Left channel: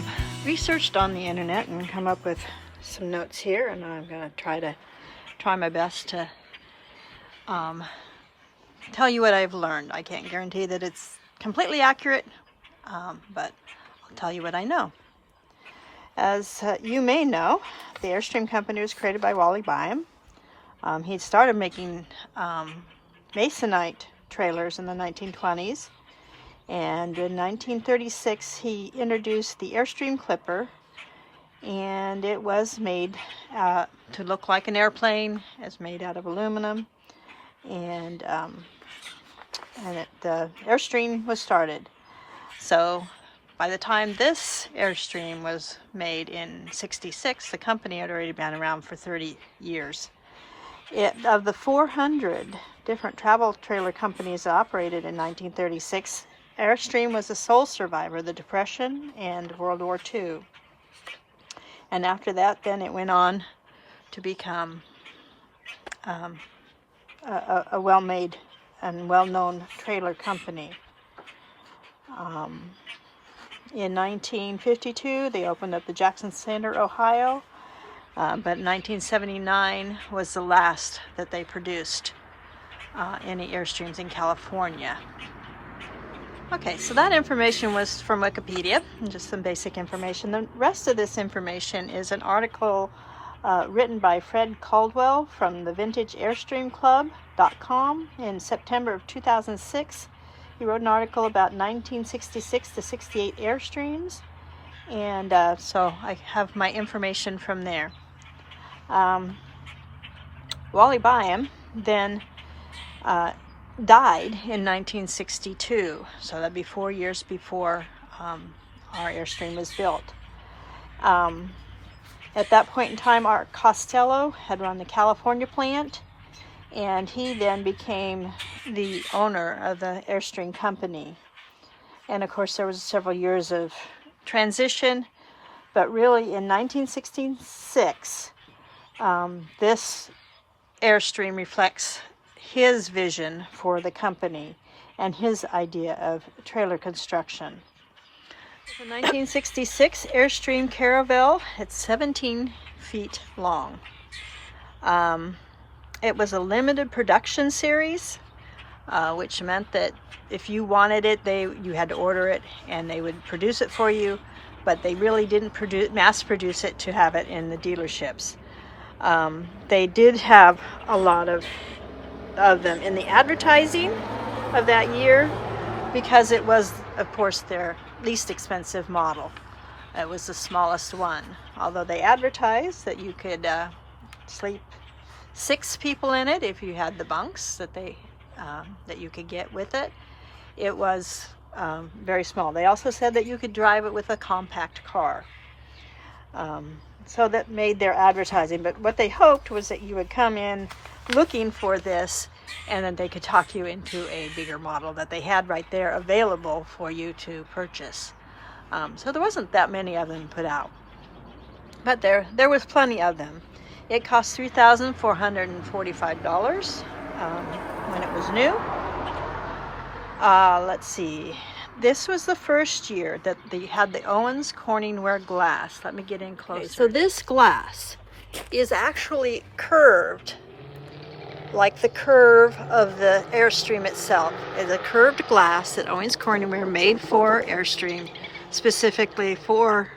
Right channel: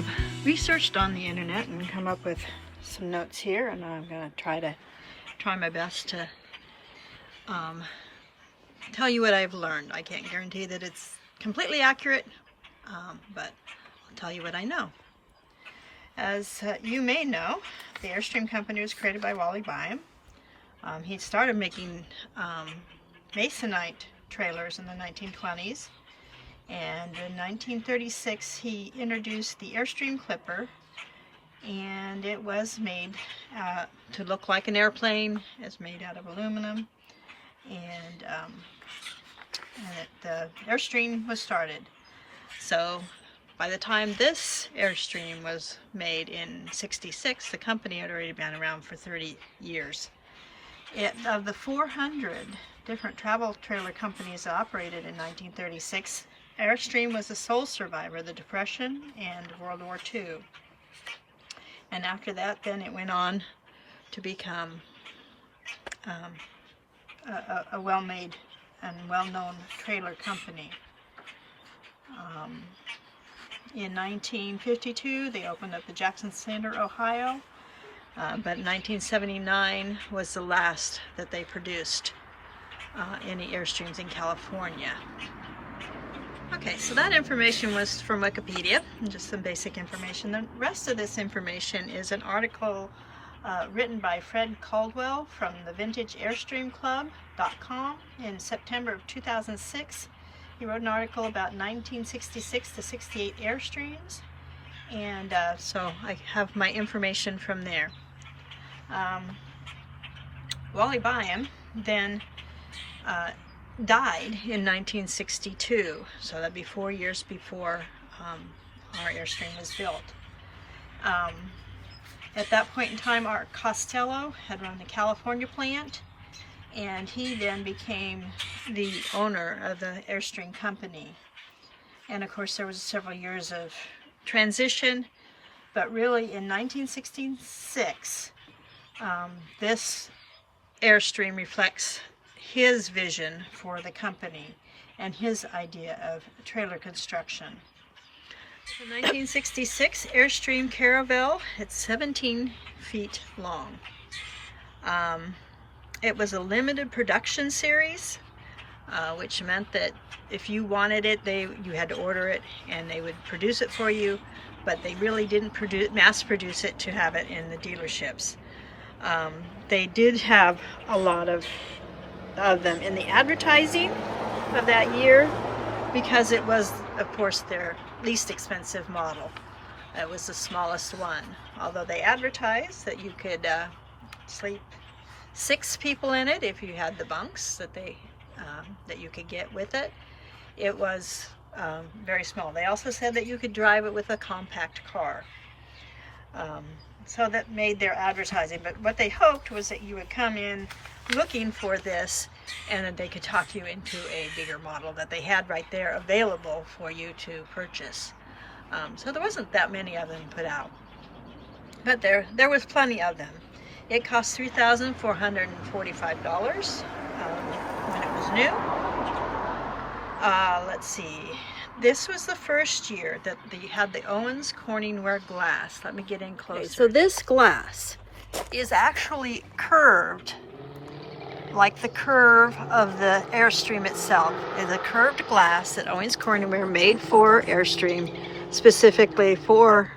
have researched on the internet and come up with some notes here, and I'm going to try my best to tell you what I've learned. I can't guarantee that it's completely accurate, but I'll tell you what I know. As you may know, the Airstream company was created by Wally Byam. He started making Masonite trailers in the 1920s, and in 1936 he introduced the Airstream Clipper, and it was made to look like an airplane. It's made out of aluminum, and the Airstream was started. So by the time this Airstream was made in '66, the company had already been around for 30 years. Of the 400 different travel trailer companies that operated in 1936, Airstream was the sole survivor of the Depression and World War II. And after that, then it went on to become a well-made and well-known trailer company. In 1952, they opened up the Jackson Center, Ohio, but 1979 was the last that they produced any Airstreams in California. Okay, so that information was from Wikipedia, just some basic information. The rest of this information is an article written by Fred Caldwell from the VintageAirstreamClub.com in September of 2006. He wrote an article about 1966 to 68 Airstreams, and so I have my information from there. Wally Byam then died in 1962, so that'd be 4 years before our Airstream was built. At that point in time, Art Costello had run the California plant, and he then became the owner of the Airstream company. And of course there was several years of transition, but really in 1966 this Airstream reflects his vision for the company and his idea of trailer construction. The 1966 Airstream Caravel, it's 17 feet long. It was a limited production series, which meant that if you wanted it, you had to order it and they would produce it for you, but they really didn't mass produce it to have it in the dealerships. They did have a lot of them in the advertising of that year because it was, of course, their least expensive model. It was the smallest one, although they advertised that you could sleep 6 people in it if you had the bunks that you could get with it. It was very small. They also said that you could drive it with a compact car. So that made their advertising, but what they hoped was that you would come in looking for this and then they could talk you into a bigger model that they had right there available for you to purchase. So there wasn't that many of them put out, but there was plenty of them. It cost $3,445 when it was new. Let's see. This was the first year that they had the Owens Corningware glass. Let me get in closer. Okay, so this glass is actually curved, like the curve of the Airstream itself. It's a curved glass that Owens Corningware made for Airstream, specifically for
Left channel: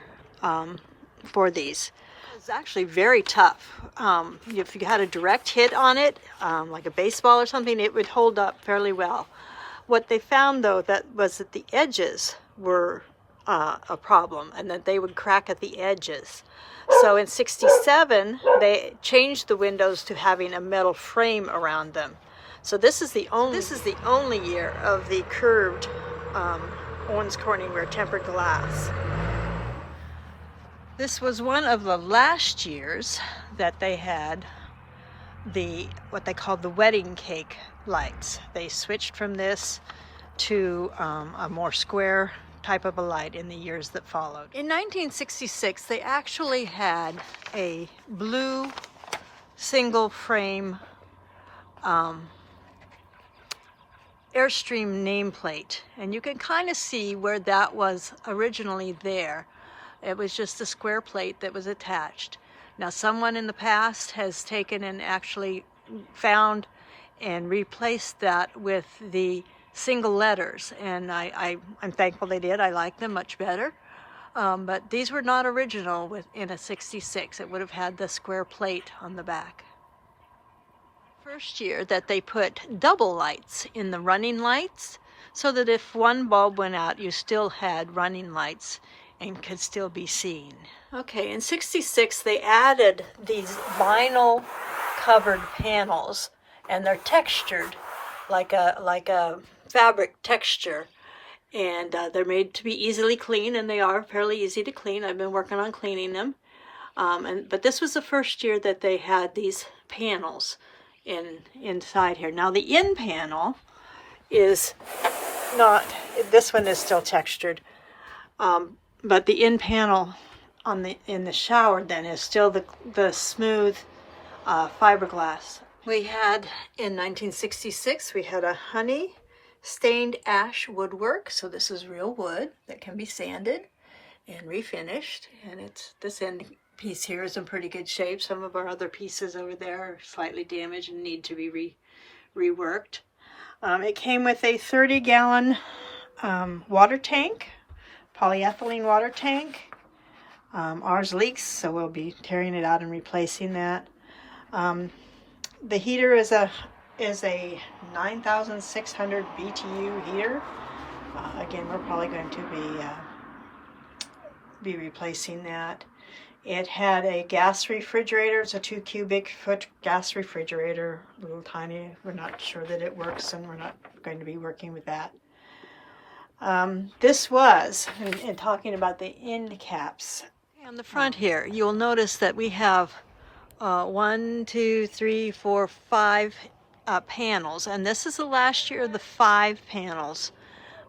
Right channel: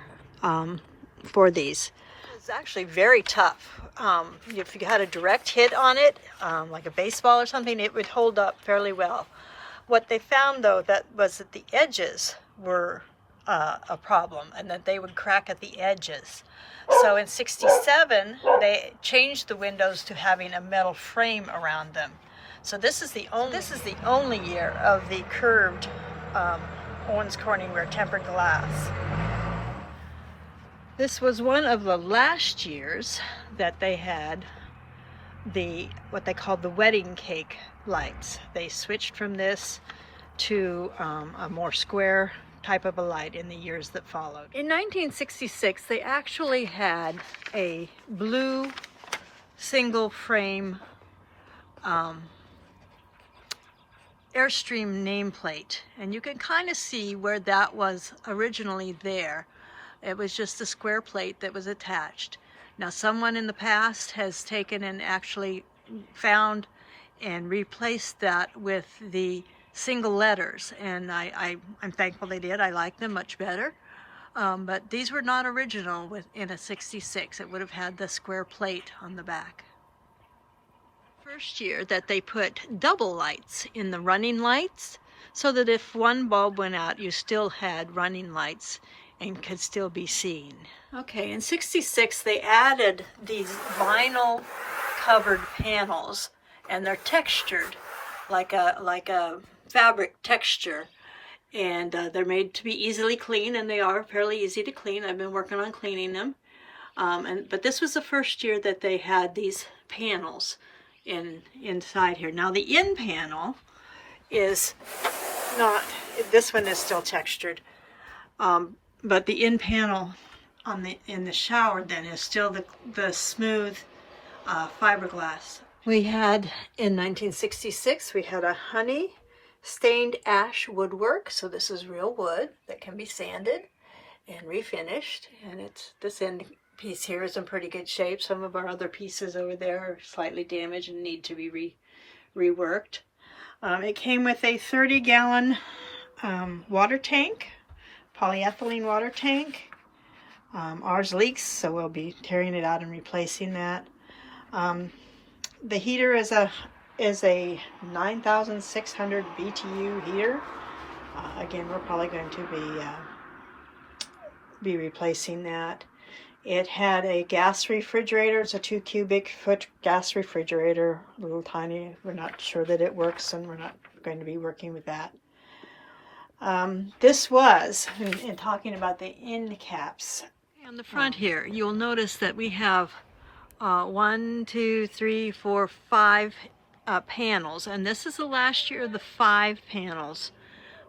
these. It's actually very tough. If you had a direct hit on it, like a baseball or something, it would hold up fairly well. What they found, though, was that the edges were a problem, and that they would crack at the edges. So in '67, they changed the windows to having a metal frame around them. So this is the only year of the curved Owens Corningware tempered glass. This was one of the last years that they had what they called the wedding cake lights. They switched from this to a more square type of a light in the years that followed. In 1966, they actually had a blue single frame Airstream nameplate, and you can kind of see where that was originally there. It was just a square plate that was attached. Now someone in the past has taken and actually found and replaced that with the single letters, and I'm thankful they did. I like them much better. But these were not original in a 66. It would have had the square plate on the back. First year that they put double lights in the running lights, so that if one bulb went out, you still had running lights and could still be seen. Okay, in 66 they added these vinyl covered panels, and they're textured like a fabric texture. And they're made to be easily cleaned, and they are fairly easy to clean. I've been working on cleaning them. But this was the first year that they had these panels inside here. Now the in panel is not, this one is still textured, but the in panel in the shower then is still the smooth fiberglass. We had, in 1966, we had a honey stained ash woodwork. So this is real wood that can be sanded and refinished. And this end piece here is in pretty good shape. Some of our other pieces over there are slightly damaged and need to be reworked. It came with a 30-gallon water tank, polyethylene water tank. Ours leaks, so we'll be tearing it out and replacing that. The heater is a 9,600 BTU heater. Again, we're probably going to be replacing that. It had a gas refrigerator. It's a 2 cubic foot gas refrigerator, a little tiny. We're not sure that it works, and we're not going to be working with that. This was, in talking about the end caps. On the front here, you'll notice that we have 1, 2, 3, 4, 5 panels, and this is the last year of the 5 panels.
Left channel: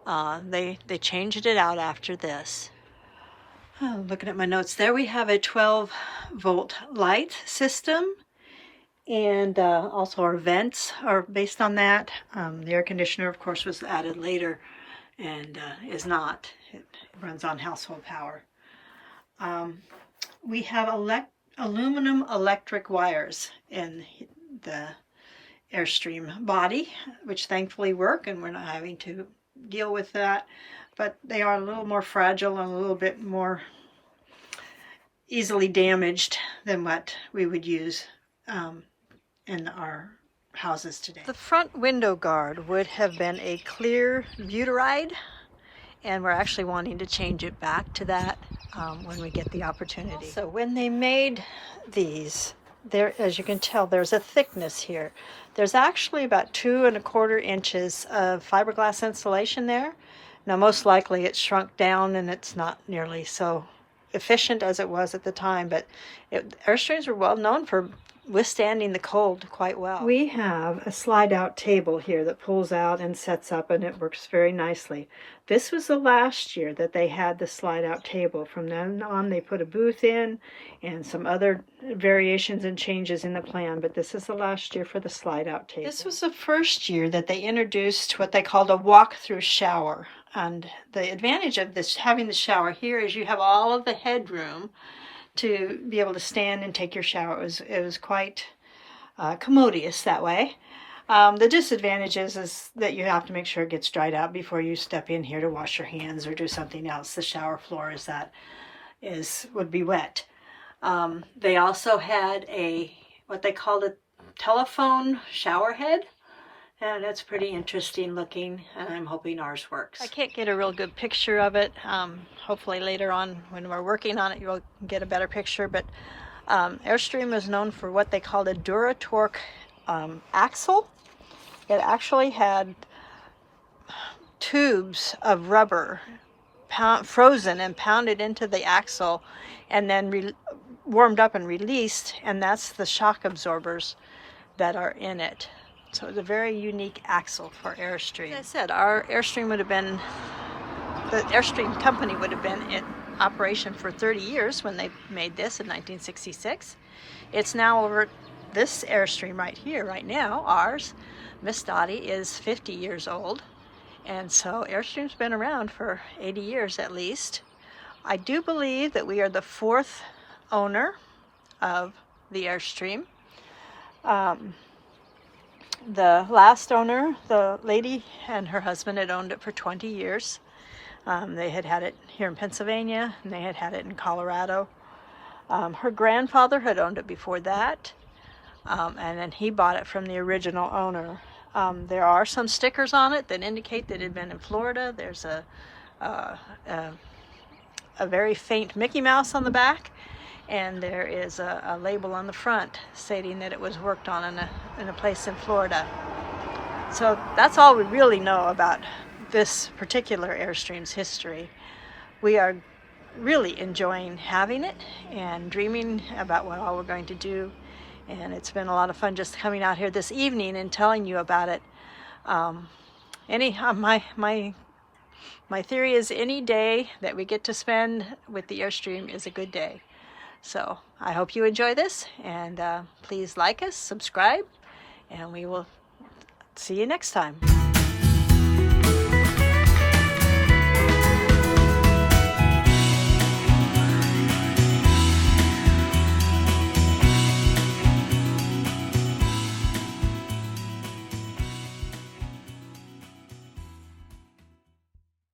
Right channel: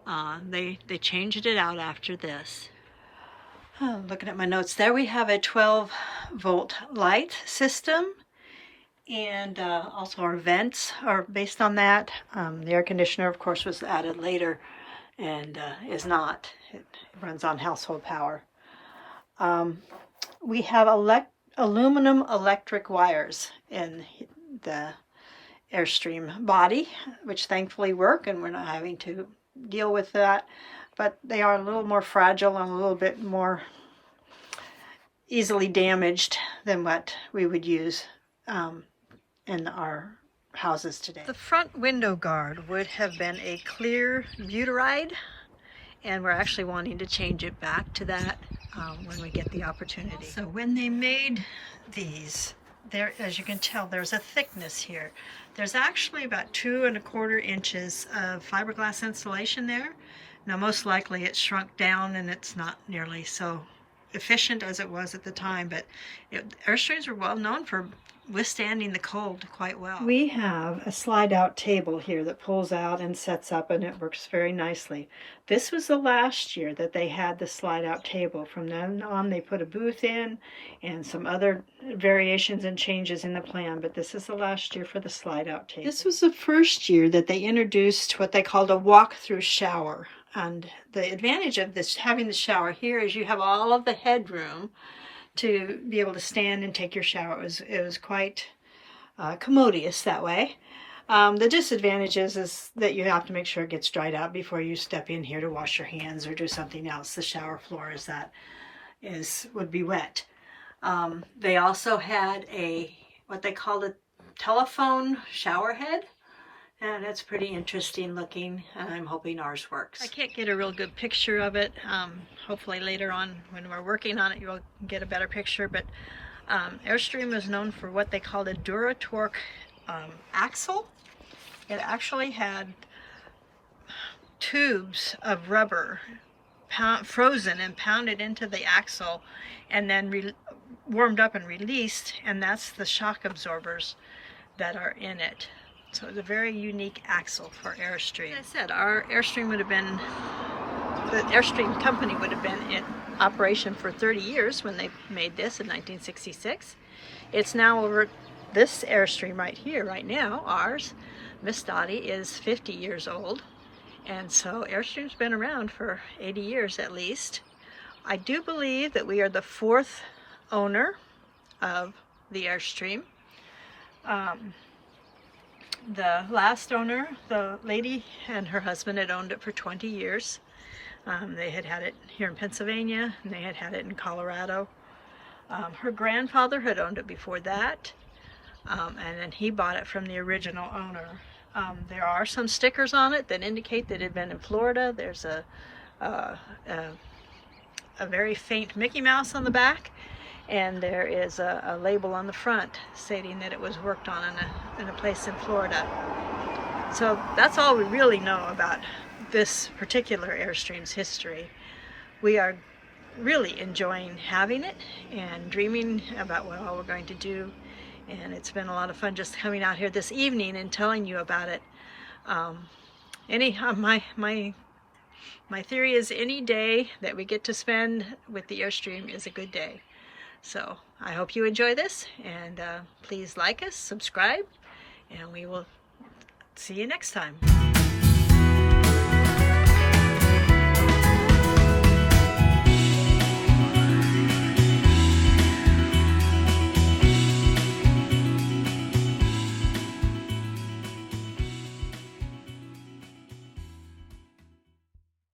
They changed it out after this. Looking at my notes there, we have a 12-volt light system, and also our vents are based on that. The air conditioner, of course, was added later and is not. It runs on household power. We have aluminum electric wires in the Airstream body, which thankfully work, and we're not having to deal with that. But they are a little more fragile and a little bit more easily damaged than what we would use in our houses today. The front window guard would have been a clear butyride, and we're actually wanting to change it back to that when we get the opportunity. So when they made these, there, as you can tell, there's a thickness here. There's actually about 2 1/4 inches of fiberglass insulation there. Now, most likely it's shrunk down and it's not nearly so efficient as it was at the time, but Airstreams were well known for withstanding the cold quite well. We have a slide-out table here that pulls out and sets up, and it works very nicely. This was the last year that they had the slide-out table. From then on, they put a booth in and some other variations and changes in the plan, but this is the last year for the slide-out table. This was the first year that they introduced what they called a walk-through shower. And the advantage of this, having the shower here, is you have all of the headroom to be able to stand and take your shower. It was quite commodious that way. The disadvantage is that you have to make sure it gets dried out before you step in here to wash your hands or do something else. The shower floor would be wet. They also had what they called a telephone shower head. And it's pretty interesting looking, and I'm hoping ours works. I can't get a real good picture of it. Hopefully later on when we're working on it, you'll get a better picture. But Airstream is known for what they called a Duratorque axle. It actually had tubes of rubber frozen and pounded into the axle and then warmed up and released, and that's the shock absorbers that are in it. So it's a very unique axle for Airstream. As I said, our Airstream the Airstream company would have been in operation for 30 years when they made this in 1966. It's now over, this Airstream right here, right now, ours, Miss Dottie, is 50 years old. And so Airstream's been around for 80 years at least. I do believe that we are the 4th owner of the Airstream. The last owner, the lady and her husband, had owned it for 20 years. They had had it here in Pennsylvania, and they had had it in Colorado. Her grandfather had owned it before that, and then he bought it from the original owner. There are some stickers on it that indicate that it had been in Florida. There's a very faint Mickey Mouse on the back, and there is a label on the front stating that it was worked on in a place in Florida. So that's all we really know about this particular Airstream's history. We are really enjoying having it and dreaming about what all we're going to do, and it's been a lot of fun just coming out here this evening and telling you about it. My theory is any day that we get to spend with the Airstream is a good day. So I hope you enjoy this, and please like us, subscribe, and we will see you next time.